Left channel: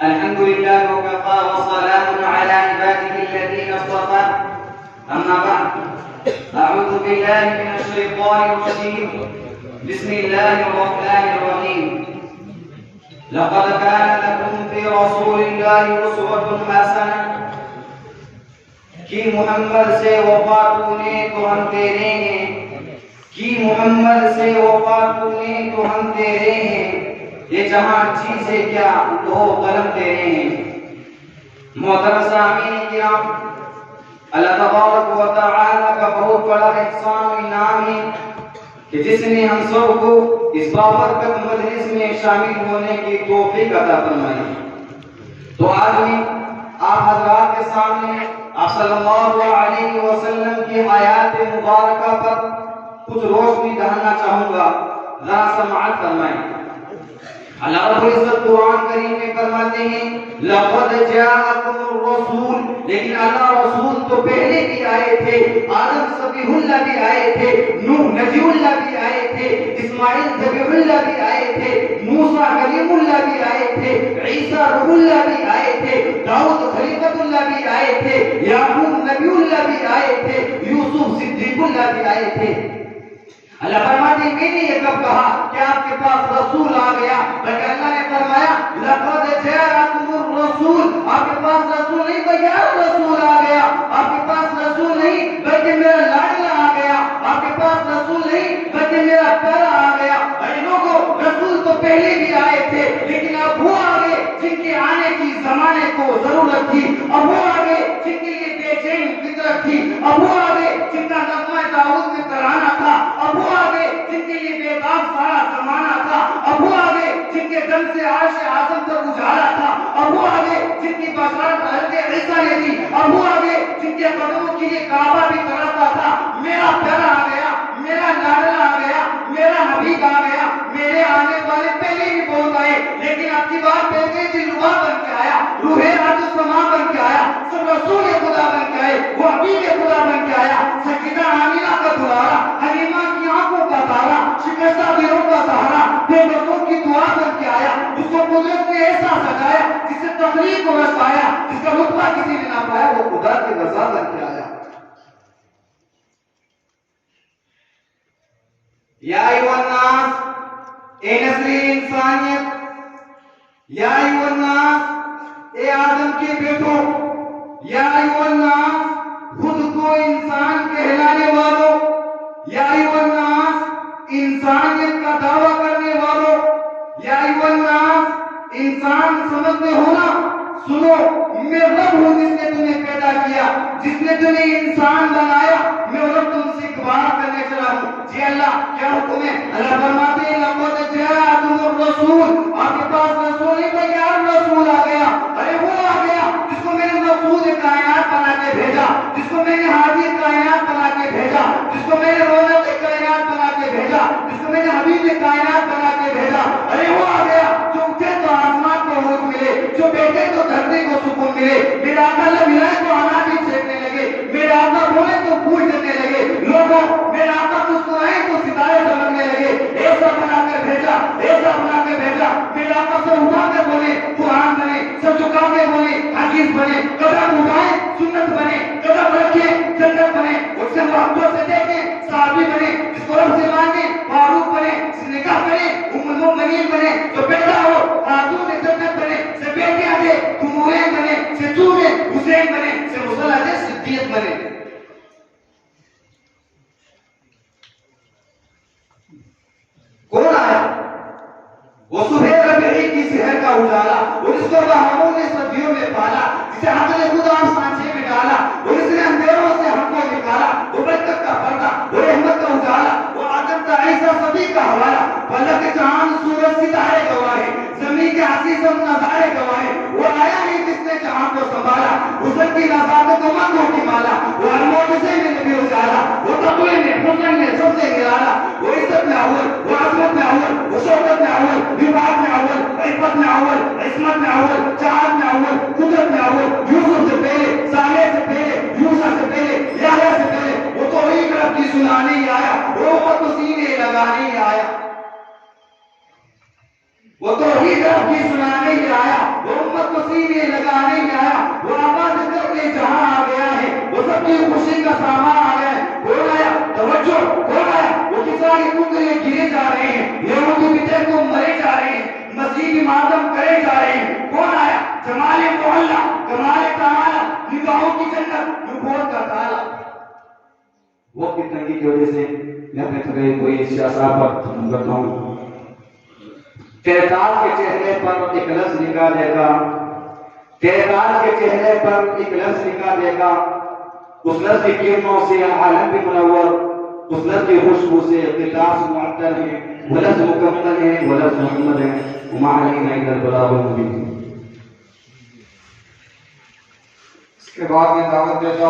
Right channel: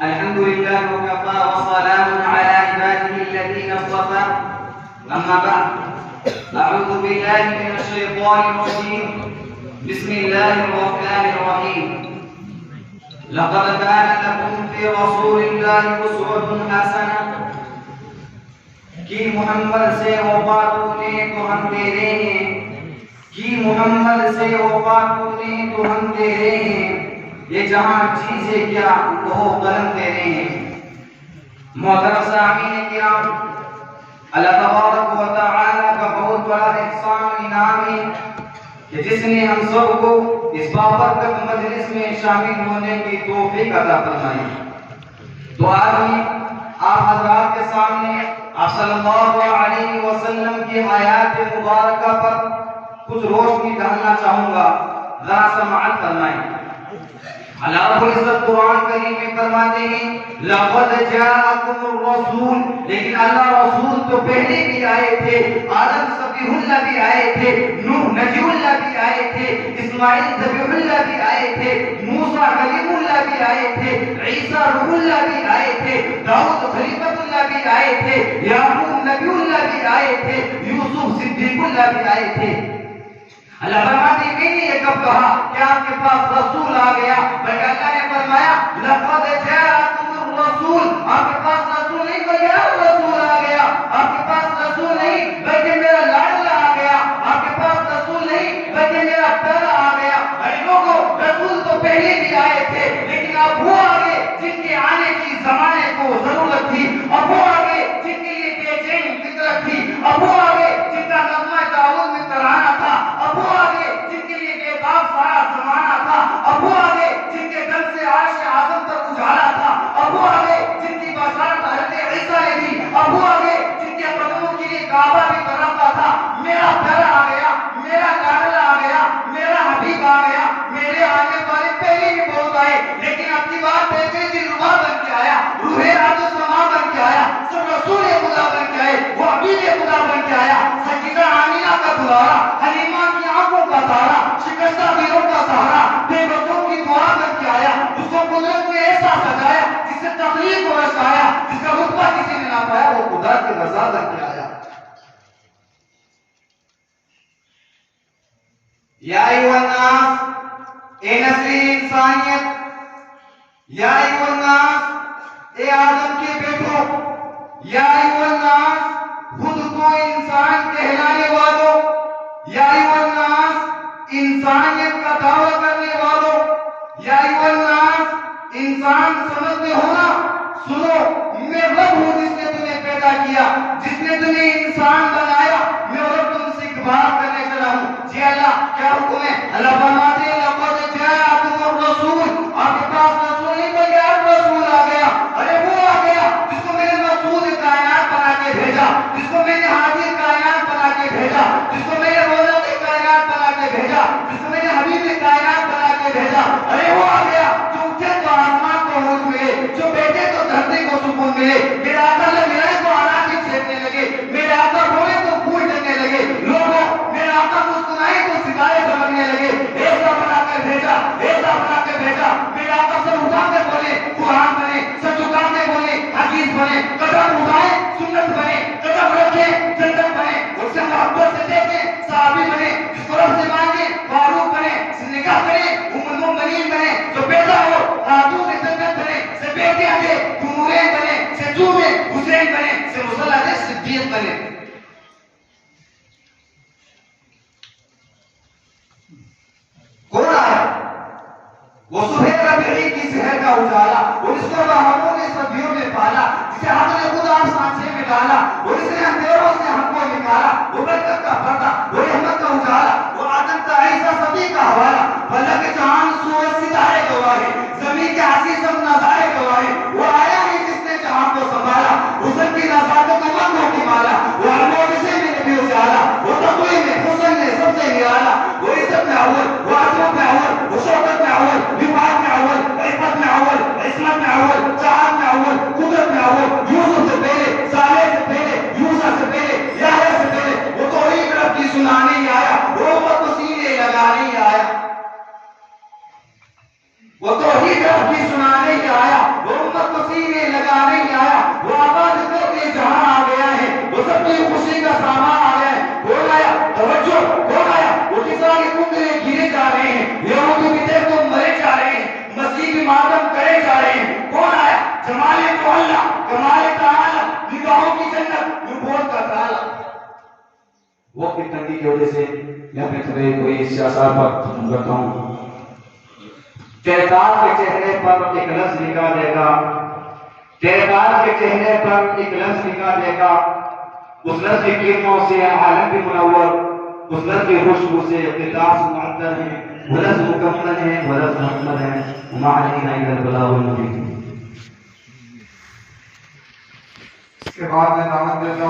الحمد لله وكفى وسلام على عباده الذين اصطفى أما بعد أعوذ بالله من الشيطان الرجيم بسم الله الرحمن الرحيم لقد كان لكم في رسول الله أسوة حسنة کہ محمد سے وفا تونے تو ہم تیرے ہیں کہ محمد سے وفا تونے تو ہم تیرے ہیں یہ جہاں چیزیں کیا لو قلم تیرے ہیں محترم سامعین کرام اللہ تبارک و تعالی کا بہت بڑا احسان و انعام ہے کہ جس نے ہم سب کو اس بابرکت مجلس میں شامل ہونے کی توفیق عطا فرمائی تو آج میں آپ حضرات کے سامنے آپ صلی اللہ علیہ وسلم کی آیات مبارکہ پر کچھ روشنی ڈالنا چاہوں گا ذرا سماعت فرمائیں اللہ رب العزت قرآن کریم میں فرماتے ہیں لقد جاءکم الرسول لیکن اللہ رسول تو پہلے بھی آئے تھے آدم صفیہ اللہ بھی آئے تھے نوح نبی اللہ بھی آئے تھے اسماعیل ذبیح اللہ بھی آئے تھے موسیٰ کلیم اللہ بھی آئے تھے عیسیٰ روح اللہ بھی آئے تھے داؤد خلیفۃ اللہ بھی آئے تھے یعقوب نبی اللہ بھی آئے تھے یوسف صدیق اللہ بھی آئے تھے اللہ فرماتے ہیں میں نے یہ کب کہا کہ آپ کے پاس رسول آ گیا بلکہ اللہ نے فرمایا لقد جاءکم الرسول آپ کے پاس رسول نہیں بلکہ رسول آ گیا آپ کے پاس رسول نہیں بلکہ میرا لاڈلا آ گیا آپ کے پاس رسول نہیں بلکہ میرا پیارا آ گیا اے لوگوں رسول تو پہلے بھی آئے تھے لیکن اب وہ آگے جن کے آنے کی زمانے کو ضرورت تھی اب وہ آگے جن کے لیے بے چین فطرت تھی اب وہ آگے جن کا نغمہ داؤد میں ترانہ تھا اب وہ آگے جن کے لیے بے باک سارا زمانہ تھا اب وہ آگے جن کے دل سے عرش اعظم پر اجالا تھا اب وہ آگے جن کی بشارت حضرت عیسیٰ نے دی اب وہ آگے جن کے قدموں کے لیے کعبہ بھی تڑپتا تھا میرا پیارا آ گیا میرا لاڈلا آ گیا میرا حبیب آ گیا میرے آنے والے پہلے بھی پہنچ آئے لیکن اب کی بات پہلے بھی روح بن کے آیا روح راج السماء بن کے آیا سب رسول خدا بن کے آئے وہ حبیب خدا بن کے آیا سیدہ آمینہ کا دلارا حلیمہ کی آنکھوں کا تارا شکستہ دلوں کا سہارا بے بسوں کی دعا بن کے آیا اس کو قدرت نے ایسا سجایا جس سے تخلیق کو رسایا جس کا رتبہ کسی نے نہ پایا وہ خدا کی رضا بن کے آیا یا ایوہ الناس اے نسل انسانیت یا ایوہ الناس اے آدم کے بیٹوں یا ایوہ الناس خود کو انسان کہلانے والوں یا ایوہ الناس انسانیت کا دعویٰ کرنے والوں یا ایوہ الناس انسان سمجھتے ہو نا سنو میں رب ہوں جس نے تمہیں پیدا کیا جس نے تمہیں انسان بنایا میں رب تم سے ایک بات کرنے چلا ہوں جی اللہ کیا حکم ہے اللہ فرماتے ہیں لقد جاءکم الرسول آپ کے پاس رسول نہیں بلکہ رسول آ گیا ارے وہ آ گیا جس کو میں نے مسعود کائنات بنا کے بھیجا جس کو میں نے حاضر کائنات بنا کے بھیجا جس کو میں نے رونق کائنات بنا کے بھیجا جس کو میں نے حبیب کائنات بنا کے بھیجا ارے وہ آ گیا جو اٹھے تو آسمان کو عروج ملے جو بیٹھے تو دھرتی کو سکون ملے میرے آقا لبھائے تو آناٹی چھیکنے لگے میرے آقا روئے تو پھول جلنے لگے لوگوں میرے آقا مسکرائے تو ستارے چمکنے لگے ایسا بنا کر بھیجا میرے آقا سب اٹھا کر بولے قرآن بنے سب جھکا کے بولے حدیث بنے قدم اٹھائے سنت بنے قدم رکھے جنت بنے اس سے محبت سے دیکھیں صحابی بنے جس کو رب سے مانگے فاروق بنے نکاح کرے ام المؤمنین بنے جو پیدا ہو خاتون جنت بنے سے بیٹے آگے تمورین بنے سے چوبے حسین بنے سے مسلح صدیق بنے کون آیا وہ صبح ربیعی کی سحر کا اجالا وہ جس کو بہاموں نے صدیوں میں پالا جسے ہم نے خدا سانچے میں ڈالا وہ اس نے اندھیروں سے ہم کو نکالا وہ برکت کا پردہ وہ رحمت کا اجالا وہ آدم کا عیسیٰ صدی کا حوالہ اللہ کے جہان سورج ستارے گواہے زمین کے عزیز سب نظارے گواہے وہ آیا ہے جس نے جہان کو سنبھالا حسن کی نزاکت کو منگوں کی مالا وہ علموں سے میں نبی اجالا وہ تقوی میں حسن میں سب سے نرالا وہ عزت میں اول وہ عظمت میں اول وہ شوکت میں اول وفاق میں اول عفت میں اول عصمت میں اول چاہت میں اول قدرت میں اول یوسف سے پہلے صالح سے پہلے یوسف سے پہلے یحییٰ سے پہلے وہ توحید رب کی سنانے آیا وہ امت کو سینے لگانے وہ توحید رب کی سنانے ہی آیا، وہ امت کو سینے لگانے ہی آیا، وہ آباد کرنے جہاں آ گیا ہے، وہ سب کی خوشی کا سامان آ گیا ہے، کون آیا؟ توجہ، کون آیا؟ وہ کسان کنگرے گرے جا رہے ہیں، یہودی بدعت کو مرے جا رہے ہیں، مسیح ماتم کرے جا رہے ہیں، کون آیا؟ جمال تو اللہ، کمال تعالی، نگاہوں کی جنت، نبوت کا تالا۔ وقت کی تنگی کی وجہ سے میں اپنے خطرے کوئی سیاست پر ختم کرتا ہوں۔ تیرے دار کے چہرے پر ایک لفظ نگاہ دے گا، تیرے دار کے چہرے پر ایک لفظ نگاہ دے گا، اس لفظ کی کرنوں سے عالم بھی منور، اس لفظ کی خوشبو سے قطاس معطر ہے، وہ لفظ مکمل ہے، وہ لفظ محمد ہے، وما علینا الا البلاغ المبین۔ اس کے بعد میں دعوت دیتا ہوں